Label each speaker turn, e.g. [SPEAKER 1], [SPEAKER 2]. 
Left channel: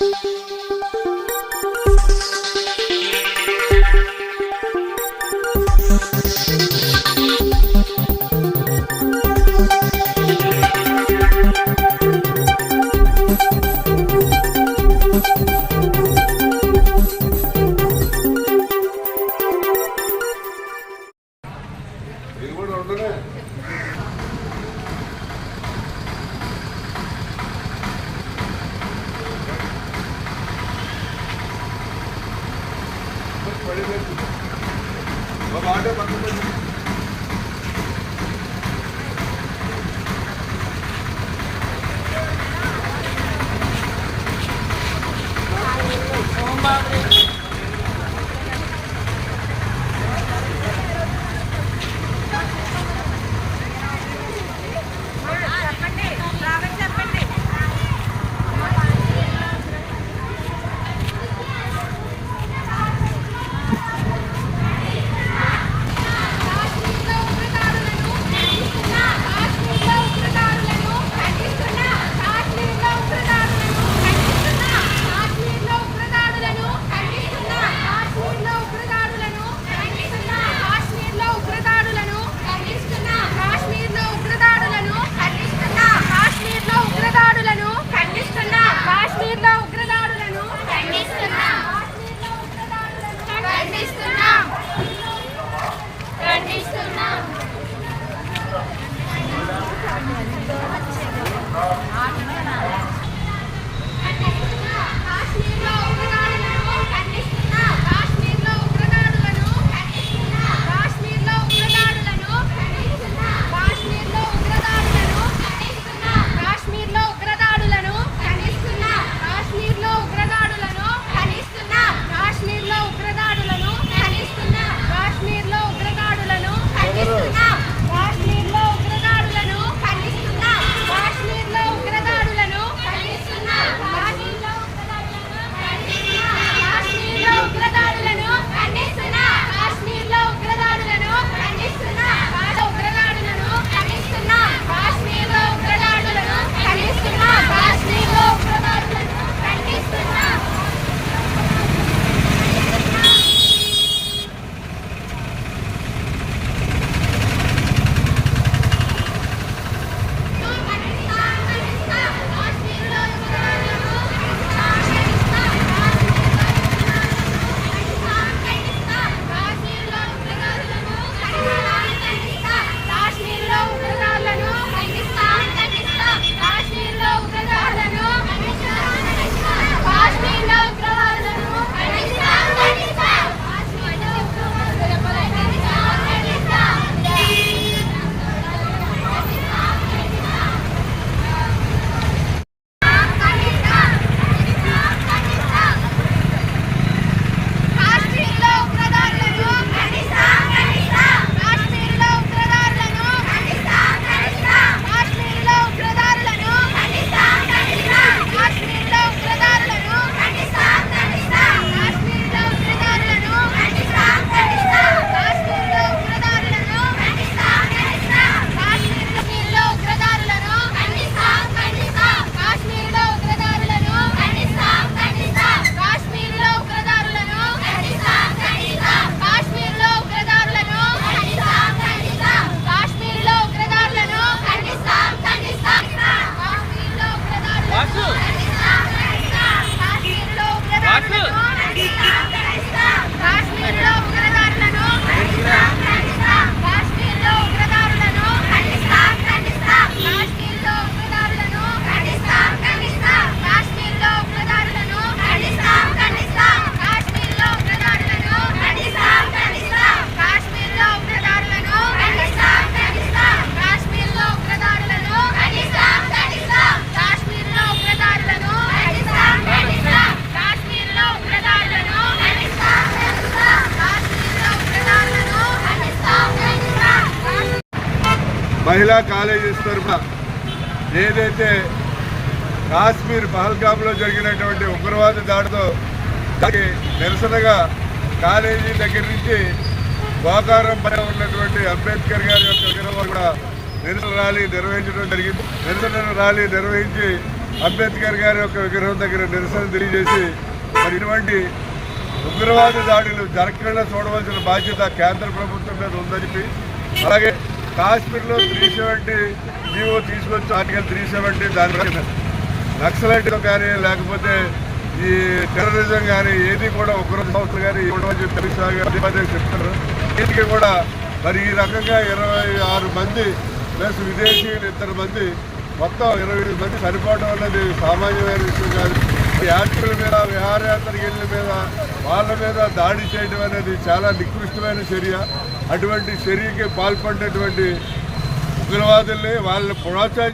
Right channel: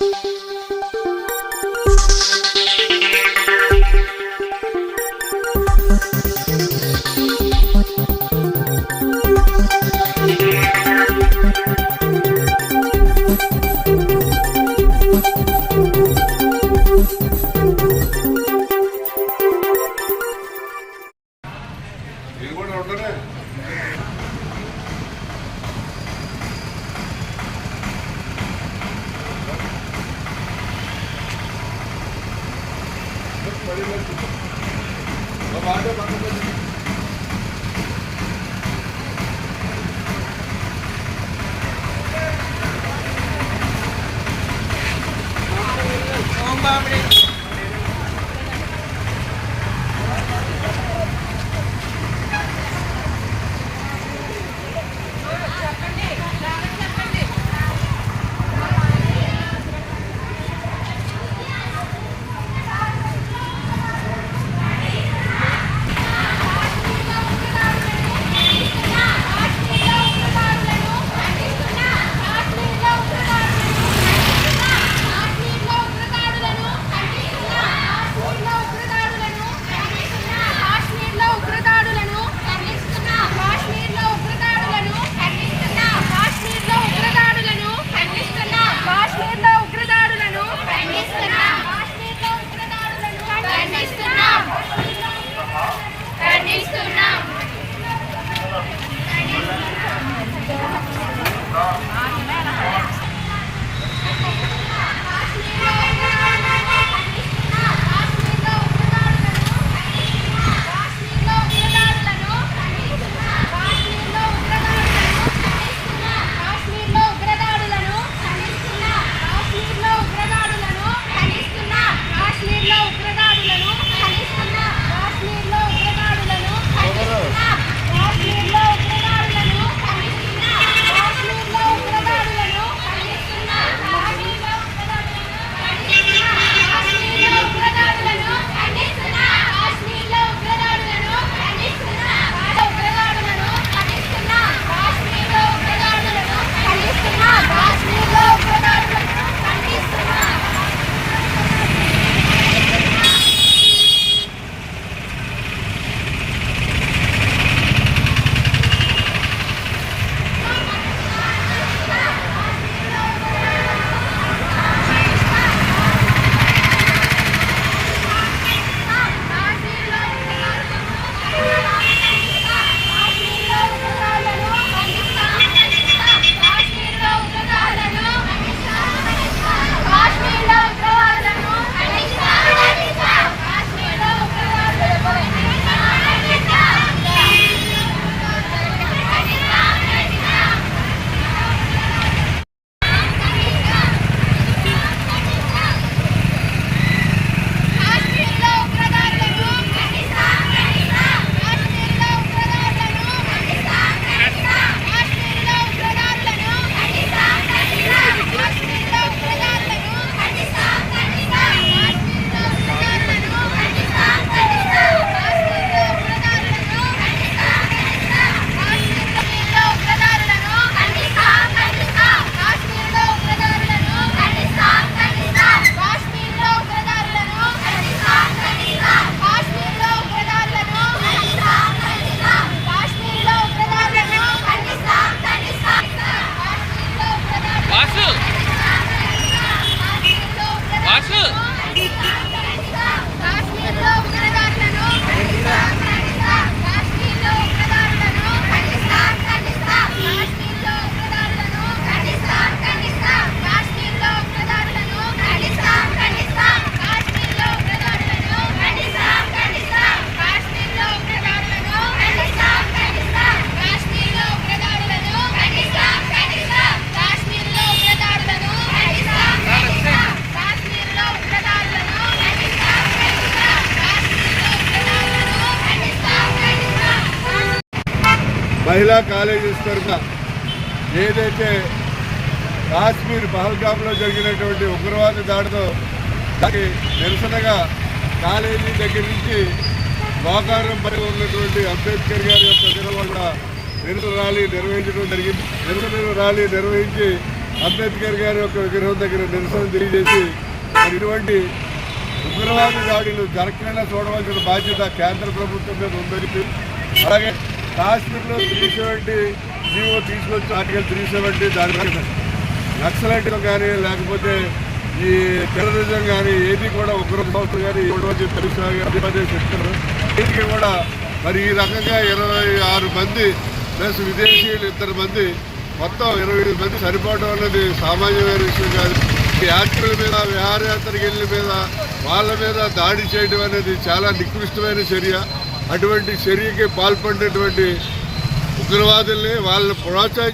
[SPEAKER 1] thank you बड़े लोग order पकड़
[SPEAKER 2] మహిళా కాలేజీస్ తరఫున ఏదైతే కాశ్మీర్ పహల్గామ్లో జరిగినటువంటి ఉగ్రవాద దాడితో దానికి నిరసనగా కాలేజీ దగ్గర నుంచి వాతావరణం పై ఉన్నటువంటి అంబేద్కర్ గారి యొక్క విగ్రహం కూడా నిరసన ర్యాలీ నిర్వహించడం జరిగింది. నిరసన ర్యాలీ నిర్వహించి అంబేద్కర్ గారి యొక్క విగ్రహం దగ్గర నిరసన తెలియజేసి మరి ఇటువంటి ఉగ్రవాద దాడులు జరగకుండా చూడవలసిన బాధ్యత కేంద్ర ప్రభుత్వం మీద ఉందని చెప్పి అలాగే కాశ్మీర్లో త్రీ సెవెంటీ జీవో తీసుకొచ్చి ఆర్టికల్ త్రీ సెవెంటీ దాని నక్సలైట్లు కానీ లేకపోతే ఈ టెర్రరిజం కానీ ఏది కూడా ఉగ్ర సంస్థలు కానీ ఇవ్వడం చెప్పి తెలుసా చెప్తారు దీనికి కూడా మరి ఈ రకంగా ఇరవై ఆరు మంది ప్లస్ విదేశీయులు ఇద్దరు మంది మొత్తం ఇరవై ఐదు మంది సరిపోవడం అనేది సామాన్యమైన విషయం కాదు. ఈ యాత్రికుల మీద విహారయాత్రకి వెళ్ళిన మీద వాళ్ళ మీద దాడి చేయడం అనేది చాలా నికృష్టమైన చర్య. అటువంటి చర్యకి పాల్పడినటువంటి ఉగ్రవాదుల్ని వాళ్ళని ప్రోత్సహించి